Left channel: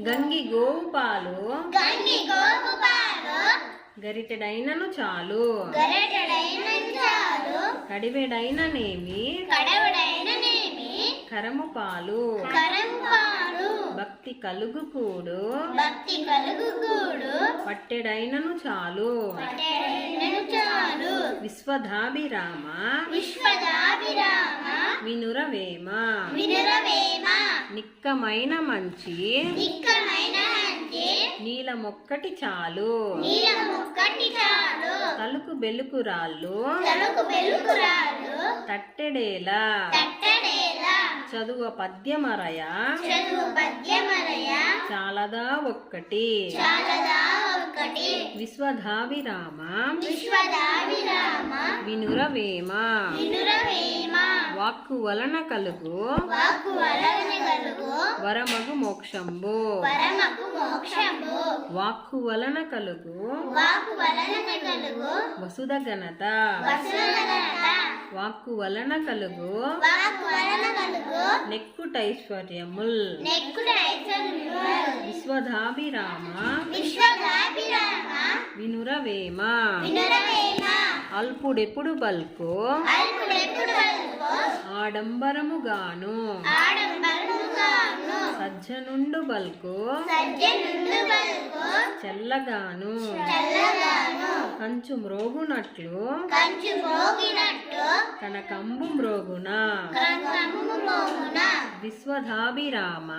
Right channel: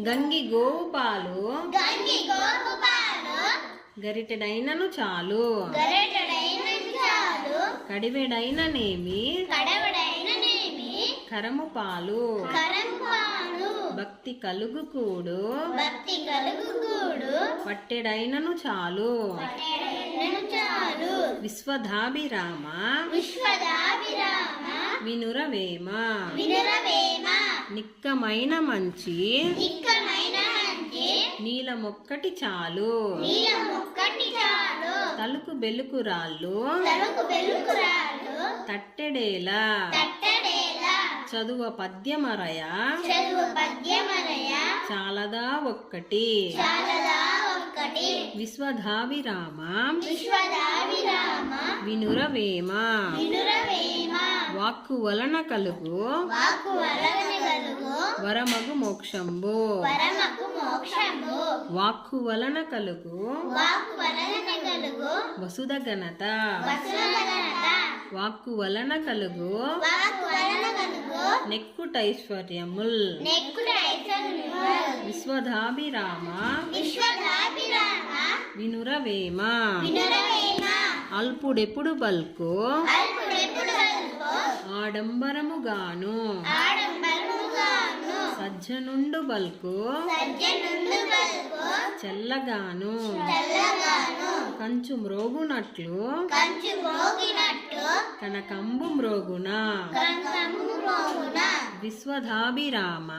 గంగి గోవు పాలు గంగి గోవు పాలు గరిటెడైనను చాలు గరిటెడైనను చాలు కడివెడైననేమి కడవడైననేమి కరము పాలు కరము పాలు భక్తి కలుగు కూడు భక్తి కలుగు కూడు పట్టెడైనను చాలు పట్టెడైనను చాలు విశ్వధాభిరామ విశ్వదాభిరామ వినురవేమ వినురవేమ నిక్కమైన మంచి నిక్కమైన మంచి నీలమొక్కటి చాలు నీలమొక్కటి చాలు తలుకు బెలుకురాళ్ళు తలకు వెలుగురాళ్ళు తట్టెడేలా తట్టడేలా చదువ పద్యమరయ చదువు పద్యమరయ చాలదా ఒక్కటి చాలదా ఒక్కటి విశ్వధాభిరామ విశ్వదాభిరామ వినురవేమ వినురవేమ వాక్కు వలన కలుగు వాక్కు వలన కలుగు వరమగు మోక్షంబు పరమకు మోక్షము వాక్కు వలన కలుగు వాక్కు వలన కలుగు వసుధ ఘనత వసులగనత వాక్కు వలన కలుగు వాక్కు వలన కలుగు నెక్కుటైశ్వర్యముల్ నెక్కుడు ఐశ్వర్యము విశ్వధాభిరామ విశ్వదాభిరామ వినురవేమ వినురవేమ అల్పుడెప్పుడు బల్కు అల్పుడెప్పుడు వల్పు ఆడంబరముగాను ఆడంబరముగాను సజ్జనుండు బల్కు సజ్జనుండు వల్పు చెల్లగాను తెల్లగాను కంచు మ్రోగునట్లు కంచు మోగినట్టు కనకంబు మ్రోగున క్రంకము మోగున విశ్వధాభిరామ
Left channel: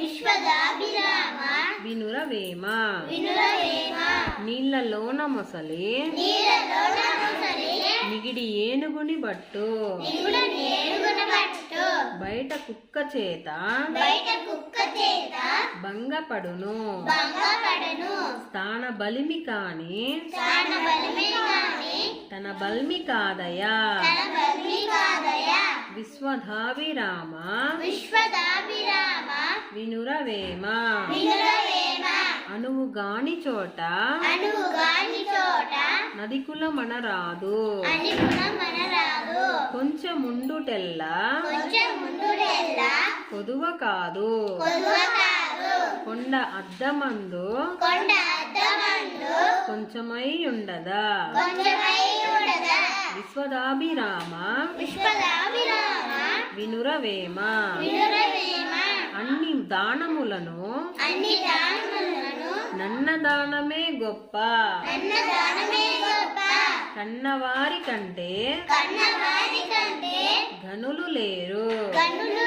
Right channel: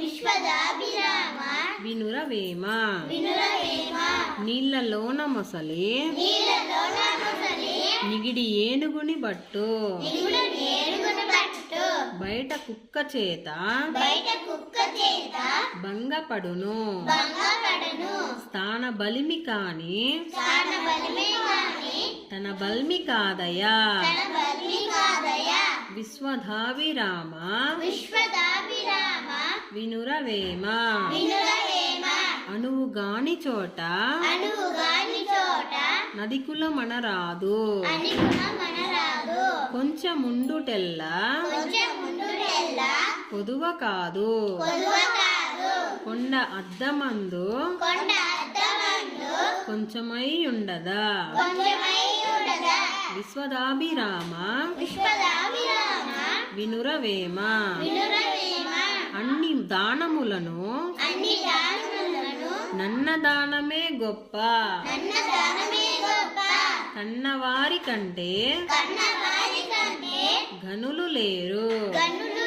విశ్వదాభిరామ వినురవేమ వినురవేమ నీళ్లలోన మొసలి నీళ్ళలోన ముసలి నిగిడి ఏనుగుని బట్టు నిగుడు నేరుగున పట్టు బయట కుక్క చేత బయట కుక్క చేత భంగపడును భంగపడను స్థాన బలిమి కాని తన బలిమే గాని తన బల్మి కాదయా తన బలి కాదయ విశ్వధాభిరామ విశ్వదాభిరామ వినురవేమ వినురవేమ అణువు గాని చోట అనువుగాని చోట నదికుల మనరాదు అని మనరాదు కొంచెముండుటెల్ల కొంచెం ముందుటెల్లా కొదువ కాదు కొదువ కాదు కొండ అద్దమందు కొండ అద్దమందు కొంచెమై ఉండదా కొంచెమై ఉండదా విశ్వదాభిరామ విశ్వదాభిరామ వినురవేమ వినురవేమ అన్ని దానములను అన్ని దానములను నన్న దానమే గొప్ప నన్న దానమే గొప్ప కన్నవారి కంటే కన్నవారి కంటే ఘనులు లేరు కన్నులు